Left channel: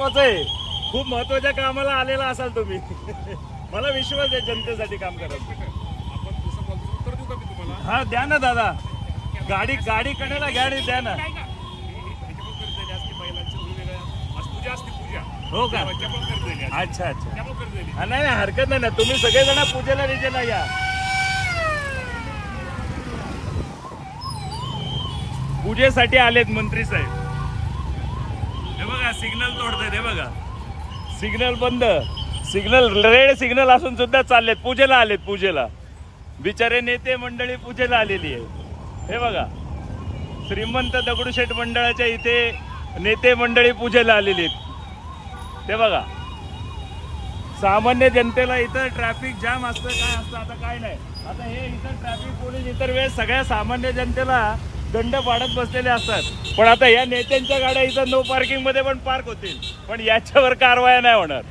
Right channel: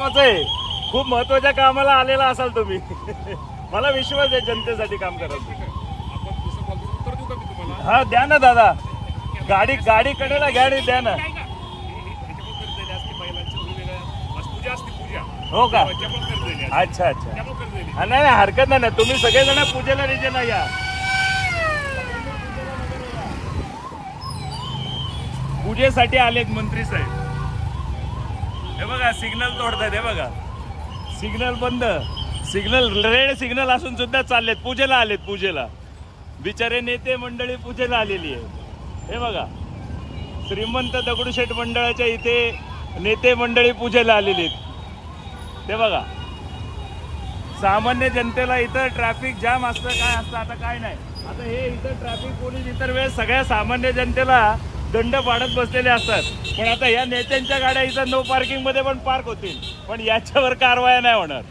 आहे. खूप महत्वाच्या कामाला आलेला असाल तुम्ही. मला विश्वास आहे जनतेसाठी काम करत. आपण दुसरं बोलतो उत्तर देऊ का मी तुम्हाला? हा द्या ना दादा. गाडी कडेला घ्या आणि द्या ना. ह्याच्यामुळे कर्ज दिले असते बैलांची वेगवेगळ्या पूजा असते पूजा. हो का? त्यामुळे कर्ज दिले असते. अच्छा अच्छा. त्यामुळे कर्ज दिले. हा, नाही हरकत नाही ना. तुम्ही सगळेजण पूजेला निजेला या. पूजेसाठी आलेत मंत्री साहेब. हे बघा सिग्नल तोडतायत. हे बघा सिग्नल बंद. सिग्नल रेड सिग्नल असून सुद्धा चाललेत. पूजेला आलेत. पूजेला बिचारे नेते मंडळी पूजेला आलेली आहे. हे बघा श्रीमंत दगडूशेठ मंडळाच्या इथे नेते मंडळी पूजेला आलेली आहेत. ते बघा सामान्य जनतेला इथं ट्रॅफिक जाम असतं. काय असतं आता काय नाही. आता हे इथं ट्रॅफिक पोलीस इतर वेळेस सगळ्या सामान्य जनतेला दंड पाडत बसलेले असतात. पण आता या नेत्यांच्या गाड्या इथं नो पार्किंग मध्ये पण पार्क होतील. पण याच्यावर कारवाया नाही होणार.